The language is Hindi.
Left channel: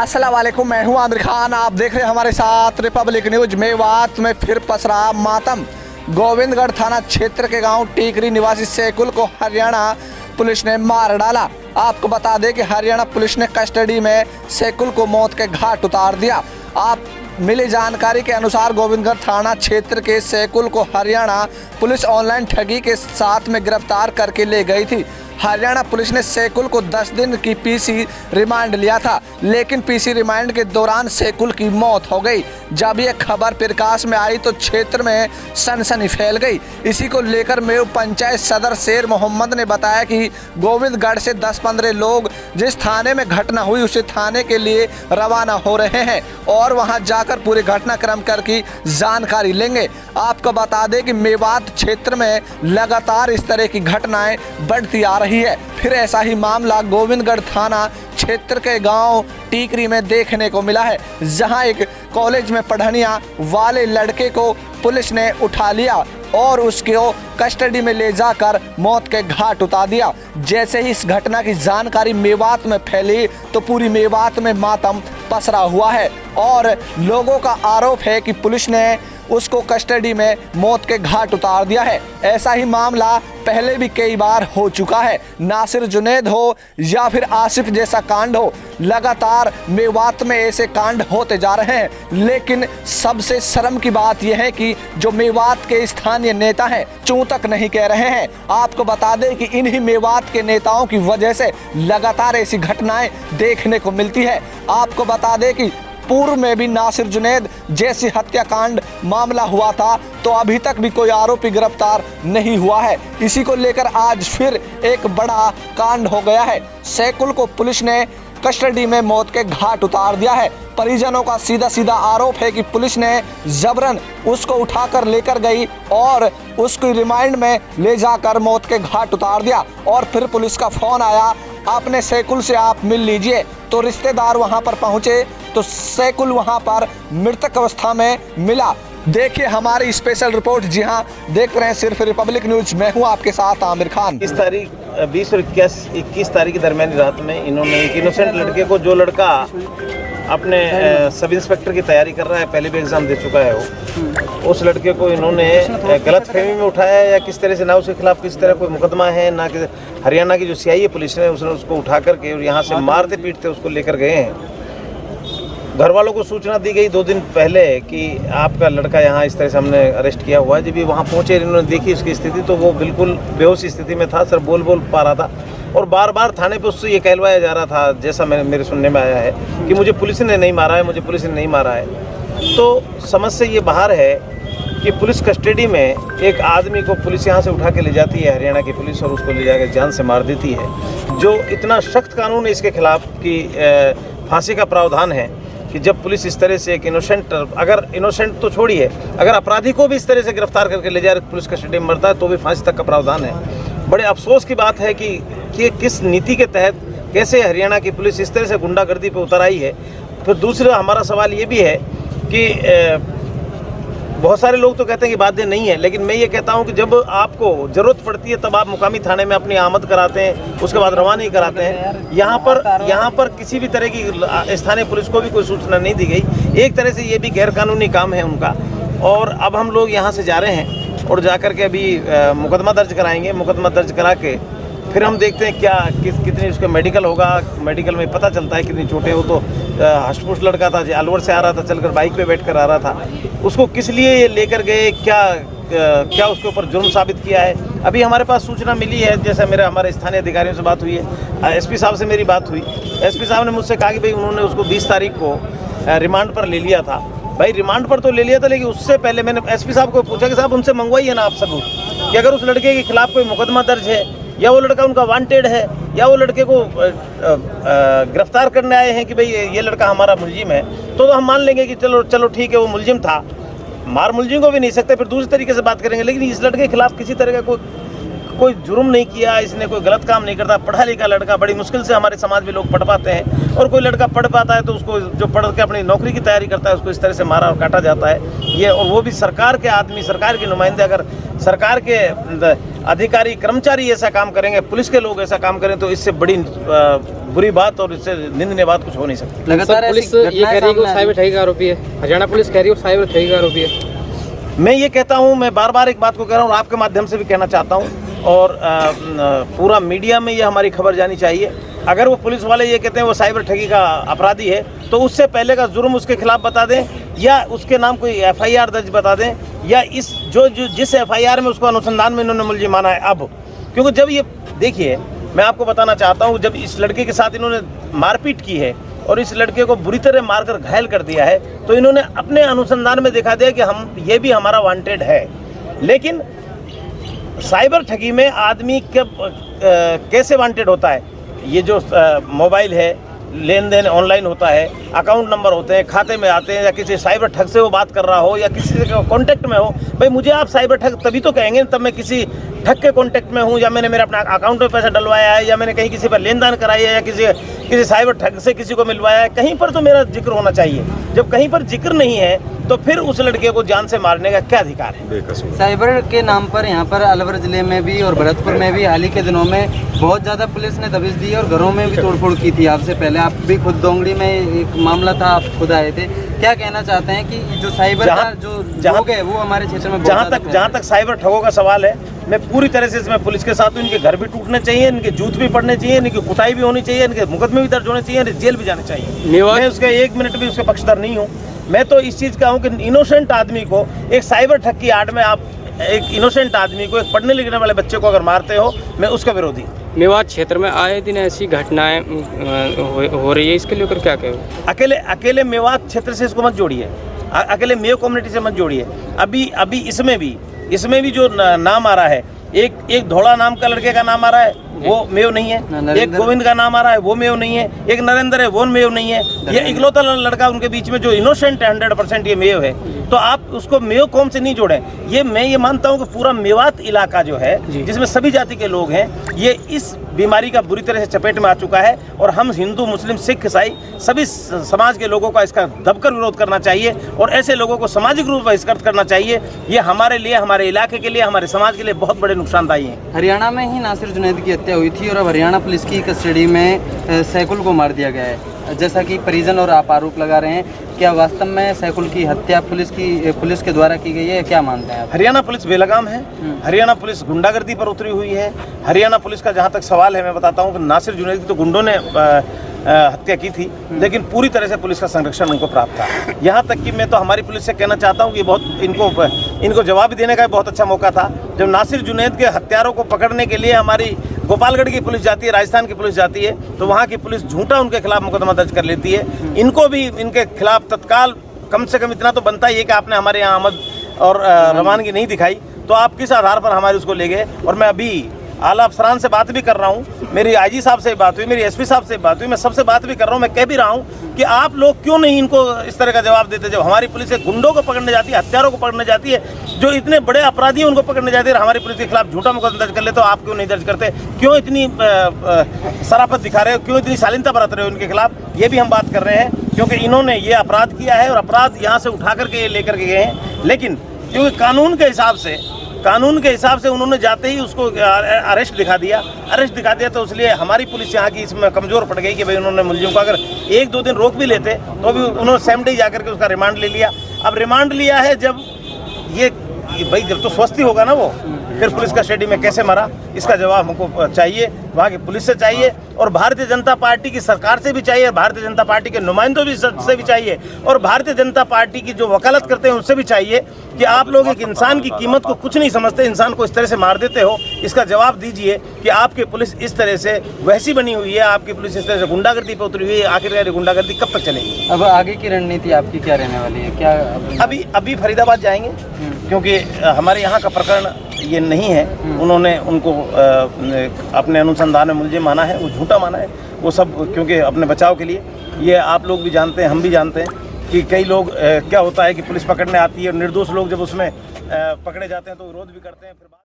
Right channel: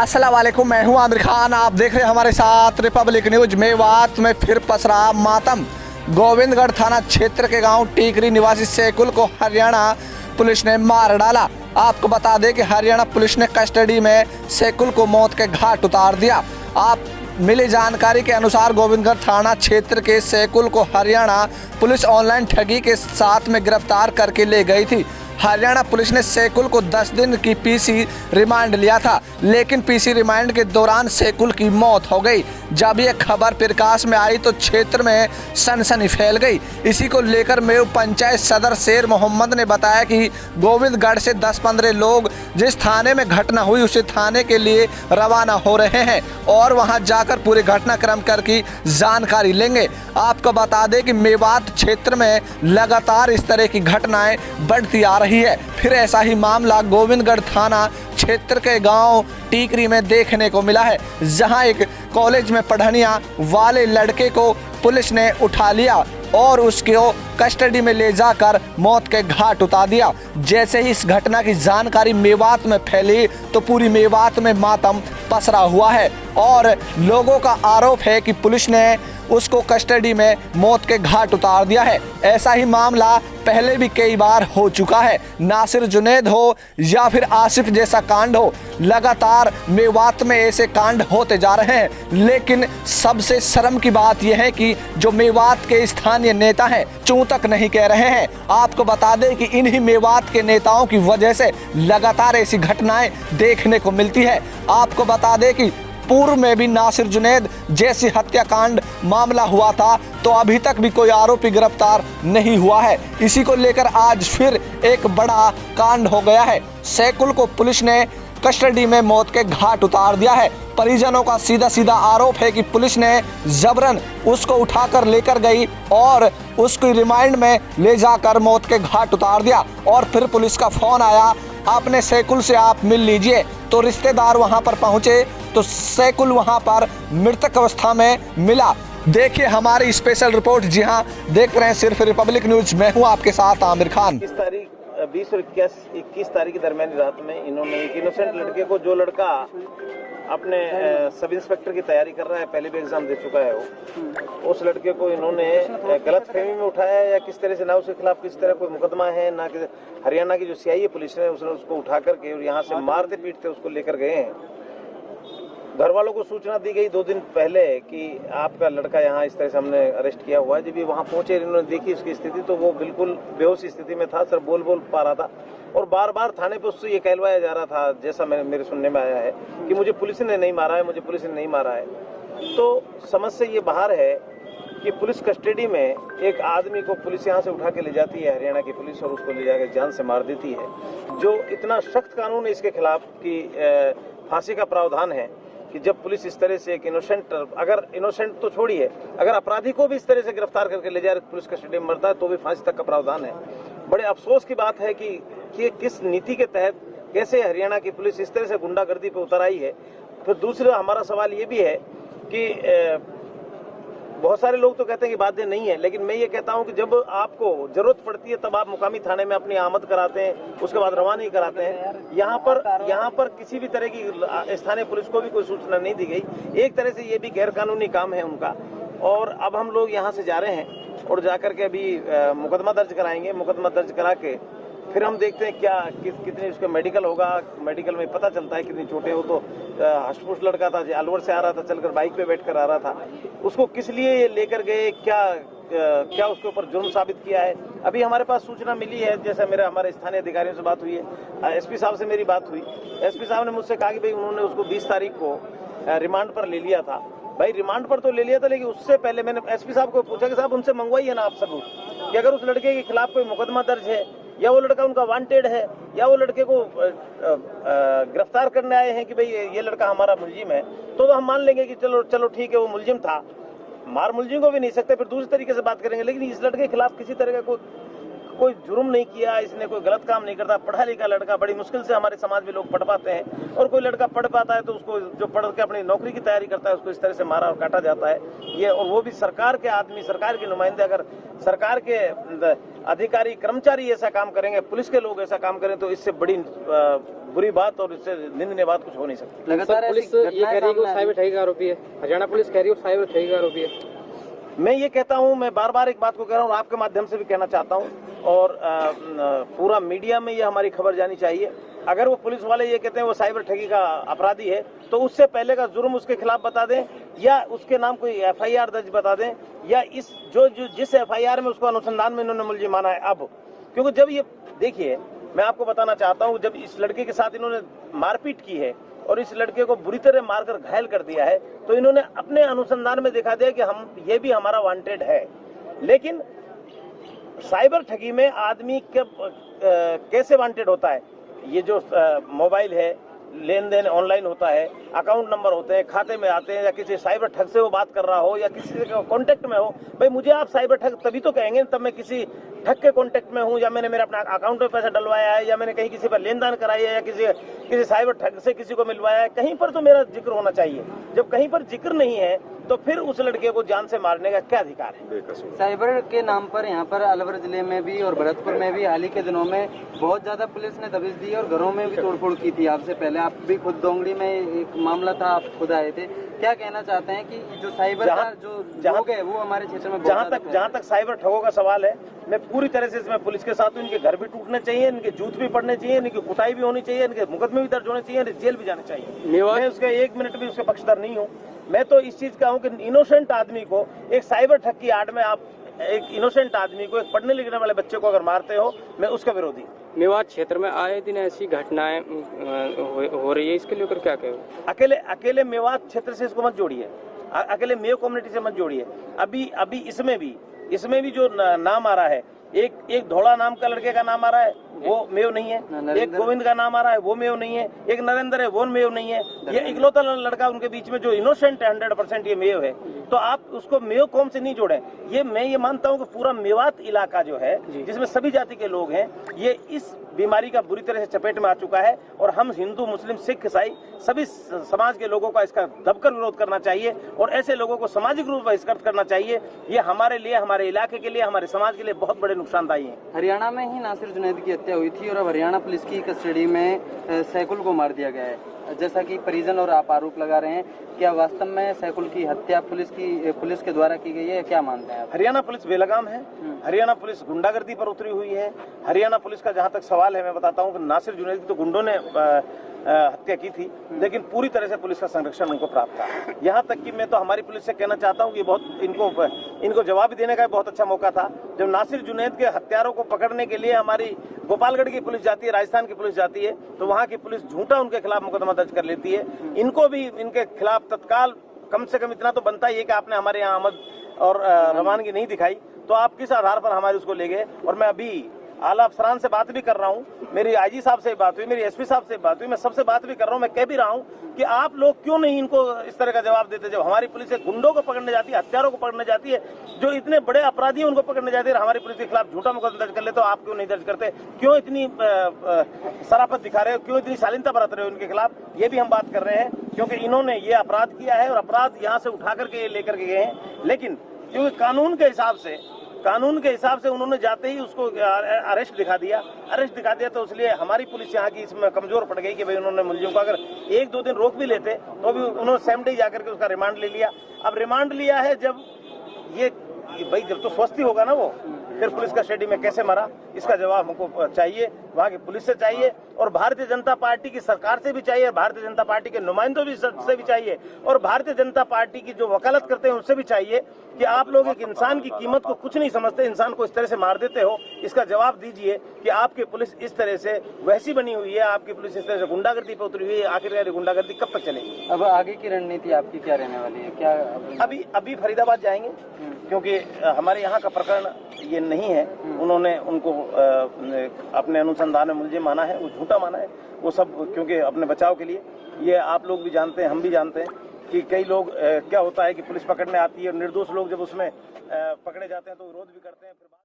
अस्सलाम वालेकुम, मैं हूं आमिर खान। आप देख रहे हैं हमारे साथ रिपब्लिक न्यूज। मेवात में फिर पसरा मातम। गोविंदगढ़ थाना क्षेत्र के गांव टीकरी निवासी सैकुल को हरियाणा पुलिस ने मार डाला। आपको बता दें कि हरियाणा पुलिस ने कस्टडी में सैकुल को मौत के घाट उतार दिया। आप मिली जानकारी के अनुसार गोविंदगढ़ थाना क्षेत्र के सैकुल को हरियाणा पुलिस ऑनलाइन ठगी के साथ में गिरफ्तार करके ले गई थी। हरियाणा पुलिस ने सैकुल को 10 दिन की पीसी रिमांड लिया था, लेकिन पीसी रिमांड के दौरान सैकुल की मौत हो गई। जब यह खबर प्रकाश में आई तो क्षेत्र में सनसनी फैल गई। इसी को लेकर मेव पंचायत सदर शेर मोहम्मद ने बताया कि गोविंदगढ़ से 10-15 लोग जिस थाने में घटना हुई उसी थाने के लिए रवाना हो रहे हैं और वहां जाकर पूरे घटनाक्रम की जानकारी लेंगे। आपको बता दें कि मेवात क्षेत्र में लगातार इस तरह की घटनाएं बढ़ती आ रही है। फिर ऐसा ही मामला गोविंदगढ़ थाना क्षेत्र के गांव टीकरी में देखने को मिला है, जहां एक कॉलेज में पढ़ने वाले लड़के को पुलिस ने उठा लिया और उसको कस्टडी में ले जाकर मौत के घाट उतार दिया। जैसे ही इस घटना की जानकारी मेवात में फैली तो पूरी मेवात में मातम पसरा हुआ है और लोगों का आरोप है कि पुलिस ने उसको कस्टडी में मौत के घाट उतार दिया है। ऐसा ही मामला पहले भी कई बार हो चुका है। नासिर जुनैद हो या फिर आसिफ जैसा कांड हो, लगातार मेवात में ऐसे कांड होते जा रहे हैं। लेकिन सबसे शर्म की बात यह है कि जो मेवात के स्थानीय नेता हैं चूं तक नहीं कह रहे हैं। आपको बता दें कि इन्हीं मेवात के नेताओं की वजह से लगातार ऐसी घटनाएं देखने को मिलती है। आपको बता दें कि पूर्व में भी नासिर जुनैद जैसी हत्याकांड मामला हुआ था तो अभी तक भी कोई आरोपी गिरफ्तार नहीं हुआ है। इसी को लेकर आज फिर एक बड़ा कांड हो गया है। सैकुल को पुलिस ने कस्टडी में मौत के घाट उतार दिया है। परिजनों का सीधा आरोप है कि पुलिस ने जबरन उसको उठाकर लेकर गई और उसको रिमांड में ले जाकर मौत के घाट उतार दिया। और फिर पुलिस का फोन आया, अपने सैकुल से आप मिल लीजिए। तो रिश्तेदार वहां पर पहुंचे तो सैकुल वहां पर मृतक अवस्था में मिला। देखिए हमारी स्पेशल रिपोर्ट। जी हाँ, देख रहे हैं सिर्फ रिपब्लिक न्यूज। मैं हूं आपके साथ आमिर खान। इस तारीख 20 और 21 तारीख की दरमियानी रात में इन्होंने एक इनोसेंट लड़के को, जो लड़का अपने सब इंस्पेक्टर की तैयारी कर रहा है, पहले भी एग्ज़ाम दे चुका है वो, उस लड़के को इन्होंने गलत फहमी में उठाया या किस तरह से, ना उसके खिलाफ किस तरह कोई मुकदमा है, ना कि हरियाणा की जो CI पुलिस है उसने उसको उठा करके और यहाँ से मारते पीटते उसको लेकर गए हैं। घर वालों को सूचना दी गई 2 दिन पहले कि आपका लड़का यहाँ इस तरह से हमने अरेस्ट किया हुआ है। जब भी वहाँ पहुँचे, इन्होंने देखी उसकी स्थिति तो वो बिल्कुल बेहोश स्थिति में था, सिर्फ बोल पा रहा था और बार बार थाने पे उससे ये कहलवाया जा रहा था, जैसा मेरे सुनने में आया है, कि मुझे पुलिस ने नहीं मारा है, मुझे पुलिस ने नहीं मारा है। तो समझ से ये बाहर है कि पुलिस कस्टडी में एक आदमी को पुलिस यहाँ से उठा के ले जाती है, हरियाणा की पुलिस, और उसको ले जाकर जान से मार देती है। जो इतना सख्त कानून है इसके खिलाफ कि फांसी का प्रावधान है कि जब पुलिस इस तरह से एक इनोसेंट, अगर इनोसेंट तो छोड़िए, अगर अपराधी को भी इस तरह से गिरफ्तार करके ले जा रहे पुलिस कस्टडी में मरता है तो भी फांसी तक का प्रावधान है। बड़े अफसोस की बात है कि किस नीति के तहत कैसे हरियाणा की पुलिस इस तरह से गुंडागर्दी पे उतर आई है। फिर दूसरा हमारा सवाल ये भी है कि बहुत सारे लोग तो कहते हैं कि बातें नहीं है, लेकिन मैं ये कहता हूं कि जब आपको ज़रूरत पड़ती है तब आप मुकामी थाने में अपनी आमद कराते हैं, उसके बाद रवाना ही कराते हैं। यहाँ पर किसी भी तरह की स्थानीय पुलिस को भी कोई सूचना नहीं दी गई। एक तरह से ये भी गैरकानूनी काम है उनका। और अब हम लोग यहाँ से जा रहे हैं और जा कर के अभी मुकदमा दर्ज कराएंगे। मुकदमा दर्ज करा के फिर हम देखते हैं कितनी उसका मेडिकल होगा। मेडिकल में पता चलता है कितनी चोटें। वो तो हष्टपुष्ट लड़का था, जो अलवर से आ रहा था, चलकर बाइक पे बैठकर आ रहा था। उसको किस लिए ये लेकर गए, क्या उसके ऊपर जुर्म साबित किया है, अभी हमारे पास सूचना मिली है। जैसे हमारे स्थानीय अधिकारियों से बात हुई है, SP साहब से मेरी बात हुई। SP साहब ने मुझसे कहा कि भाई उन्होंने उसको 20 तारीख को रिमांड पर ले लिया था। भाई रिमांड पर तो ले लिया था, लेकिन उससे पहले मैंने SP साहब को पूछा कि साहब उनसे मंगवाइए ना आप सबूत कि अगर उस लड़के के खिलाफ कोई मुकदमा दर्ज है, या वो लड़का उनका वांटेड है, या वो लड़के को गिरफ्तार करने आए हैं कि भाई ये लड़का हमारा मुलजिम है, तो हम मान लेंगे कि चलो ठीक है वो मुलजिम था। मार मुलजिम को भी नहीं सकते, फिर दूसरे तरीके से बात करेंगे। लेकिन इस लड़के के खिलाफ किसी तरह का कोई जुर्म नहीं किया, इसने कोई गलत काम नहीं करता, पढ़ा लिखा लड़का, बड़ी मुश्किल से हमारे समाज में लोग पढ़ पाते हैं, और कोई लड़का पढ़ पाता है तो उसको जो पढ़ के अपनी नौकरी की तैयारी करता है उसको इस तरह से मारा और काटा जाता है। ये और वो भी सरकार के आदमी, सरकार के नुमाइंदे, अगर सरकार के अधिकारी कर्मचारी ऐसा काम करेंगे, पुलिस के लोग ऐसा काम करें, तो इससे बड़ी बुरी बात और इससे निंदनीय बात कुछ हो नहीं सकती। लगातार पुलिस ये कह रही है कि वो साइबर ठगी का आरोपी है, हरियाणा पुलिस कह रही है वो साइबर ठगी का आरोपी है। मैं ये कहता हूँ, मैं बार बार एक बात को कह रहा हूँ, आपके माध्यम से भी कहना चाहता हूँ, और पूरा मीडिया में ये हमारी खबर जानी चाहिए। अगर वो पुलिस वाले ये कहते हैं वो साइबर ठगी का अपराधी है, तो उससे पहले का जुर्म उसके खिलाफ बता दें, या उसके नाम कोई एफआईआर दर्ज बता दें, या इस जिस एफआईआर में उसको अनुसंधान में इन्होंने मुलजिम माना है अब। क्योंकि जब ये देखिए, मैं आपको बताना चाहता हूँ, जब इस लड़के के साथ इन्होंने मारपीट की है और इस लड़के को बुरी तरह मारकर घायल कर दिया है, तो इन्होंने अपने अनुसंधान में दिखा दिया कि ये भी हमारा वांटेड है। लेकिन साइबर ठगी में आदमी कैसे वांटेड होता है? ये जो मोबाइल है, लेन देन ऑनलाइन होता है, अकाउंट नंबर होते हैं, खाते में आते हैं, या किसी साइबर ठग से वो बात कर रहा हो या किसी से कांटेक्ट में हो। भाई मुझे आप साइबर ठग तभी तो कहेंगे तब मैं किसी ठग के कांटेक्ट में हूँ, या मैंने मेरे अपना अकाउंट में पैसा डलवाया है, या मैंने कहीं किसी पर लेन देन कराई है, या किसी साइबर ठग से किसी को मिलवाया है। कहीं पर तो मेरा जिक्र होना चाहिए। जब कहीं पर जिक्र नहीं है तो फिर उस लड़के को जान से मारने का क्या अधिकार है? साइबर के नाम पर यहाँ पर अलवर जिले में भी और भरतपुर में भी हाल ही के दिनों में बहुत ज़्यादा पुलिस ने दबिश दी और घरों में भी तोड़फोड़ की थी। आपसे पहले आप भी खुद दोंगड़ी में एक मामला था, आप खुद आए थे। क्या कहना चाहते हैं कि जो साइबर का जो लोग है वो हमारे क्षेत्र में जहाँ तक साइबर ठगों का सवाल है, मैं पूरी तरह से इसमें पुलिस के साथ हूँ। इनके घर भी टूटने चाहिए, इनके जूत भी पड़ने चाहिए, इनकी कुटाई भी होनी चाहिए, इनके मुकदमे भी दर्ज होने चाहिए, इन्हें जेल भी जाने चाहिए। मैं उसके 1 मिनट भी उसके पक्षधर नहीं हूँ। मैं तो इस चीज़ का हूँ कि इनोसेंट आदमी को एक साइबर ठग की आड़ में आप एक इनोसेंट आदमी को, एक पढ़ने लिखने वाले बच्चे को अगर मारते हो, मैं उसका विरोधी हूँ। मेवात क्षेत्र में आए दिन ऐसी घटनाएं हो रही है, इसके लेकर क्या कहें? अकेले मेवात क्षेत्र से इसको मत जोड़िए, अकेले मेयो कम्युनिटी से मत जोड़िए। अभी इसमें भी जो नाम आ रहा है, एक धोड़ा नाम का लड़के का नाम आ रहा है, वो मेयो नहीं है। एक गोविंद का नाम आ रहा है, वो मेयो नहीं है। एक नरेंद्र है, वो मेयो नहीं है। ये इकलौता लड़का उनके बीच में जो इनोसेंट है 100% ये मेयो है। तो आप उसको मेयो कौम से नहीं जोड़ें। मैं ये मानता हूँ कि पूरा मेवात इलाका जो है, जिसमें सभी जाति के लोग हैं, ये इस बीमारी का बुरी तरह से चपेट में आ चुका है, और हम हिंदू, मुस्लिम, सिख, ईसाई सभी समाज के लोगों का इसका दबकर विरोध करना चाहिए, और ऐसे लोगों को सामाजिक रूप से बहिष्कृत करना चाहिए। ये हमारे लिए, हमारे इलाके के लिए, हमारे समाज के लिए बहुत बड़े नुकसानदायी हैं। हरियाणा में ही नासिर जुनैद की हत्या हुई थी और अब हरियाणा पुलिस की कस्टडी में सैकुल को मार दिया गया है, जैसा कि परिजन और आप आरोप लगा रहे हैं। क्या वास्तव में सैकुल की हत्या पुलिस के द्वारा की गई है? क्या मानते हैं आप? हरियाणा पुलिस बेलगाम है, हरियाणा पुलिस गुंडागर्दी पर उतरी हुई है। हरियाणा पुलिस का जहाँ तक सवाल है, मैं बताता हूँ कि नासिर जुनैद की तो गुंडों ने हत्या की थी, लेकिन पूरी तरह से पुलिस का संरक्षण उनको प्राप्त था। यहाँ तक कि मैं तो हमारी पुलिस से कहना चाहता हूँ कि बहुत इनको जवाब देने का बहुत अच्छा मौका था। जब नासिर जुनैद के हत्यारों को पकड़ने के लिए हमारी गोपालगढ़ की पुलिस जाती है, राजस्थान की पुलिस जाती है, तो वहाँ की पुलिस झूठा उनके खिलाफ मुकदमा दर्ज कर लेती है। इनको भी इनके खिलाफ तत्काल कम से कम इतना तो बनता ही है कि आपने हमारे यहाँ आमद और रवानगी नहीं दिखाई, तो आप किस आधार पर हमारे उसको ले गए। और मैं अभी आला अफसरान से बात भी कर रहा हूँ, मेरी आईजी साहब से बात हुई, मेरी एसपी साहब से बात हुई, मैं सबसे बात भी कर रहा हूँ। मैं कह भी रहा हूँ कि आप लोग क्यों नहीं इनको इस तरह का जवाब देते। जब हमारी पुलिस गुंडों को पकड़ने जाती है, हत्यारों को पकड़ने जाती है, जो इतने बड़े अपराधी हैं उनको पकड़ने जाती है, हमारी पुलिस के खिलाफ झूठा मुकदमा दर्ज कर ले, तो आप क्यों नहीं दर्ज करते? क्यों इतनी शराफत दिखा रहे हो? क्यों इतनी शालीनता बरत रहे हो इनके खिलाफ? ये भी हम बात कर रहे हैं, क्योंकि इन्होंने ये अपराध किया है और अपराध यहाँ से उठा करके लेकर के गए हैं। लेकिन क्योंकि कानून के हिसाब से उन्होंने जाते ही उसको अरेस्ट दिखा दिया, तो इसलिए हमारी पुलिस यहाँ की इसमें कमज़ोर पड़ गई कि भाई उन्होंने मुलजिम को अगर 1-2 दिन रोक भी लेते तो भी उन्होंने सेम डे जाकर के उसका रिमांड ले लिया। अब रिमांड लिया है, जब ये भाई जब तो स्वस्थ होगा ना वो, फिर पुलिस कस्टडी में कैसे मरा, इसका जवाब हमको चाहिए, वहाँ की पुलिस से चाहिए, और भारतीय जनता पार्टी की सरकार से भी चाहिए, भारतीय जनता पार्टी के नुमाइंदों से भी चाहिए, और भारतीय जनता पार्टी की जो वकालत करते हैं उनसे भी चाहिए कि आप लोग एक इंसान की कीमत को कुछ नहीं समझते, इंसान को इस तरह से मार देते हो। इसका जवाब दीजिए कि आपकी पुलिस इस तरह से वैसी बनी हुई है, आपकी पुलिस इस तरह से गुंडागर्दी पर उतरी हुई है। आखिरकार गुंडागर्दी कब तक चलेगी? अब आगे की रणनीति आपकी क्या रहने वाली है? क्या अभी फरीदाबाद जाएंगे, क्योंकि हमारे यहाँ का प्रकरण ये नहीं है। उन्होंने उनको अपने अनुसंधान में मुलजिम माना है, वो झूठा माना है, वो सब क्योंकि अपने बचाव के लिए। ये आप लोग भी जानते हैं, हम भी जानते हैं कि कई लोग क्या होता है कि पुलिस पकड़ने आती है और निर्दोष लोग जब उसमें पकड़े जाते हैं तो विरोध भी करते हैं। फिर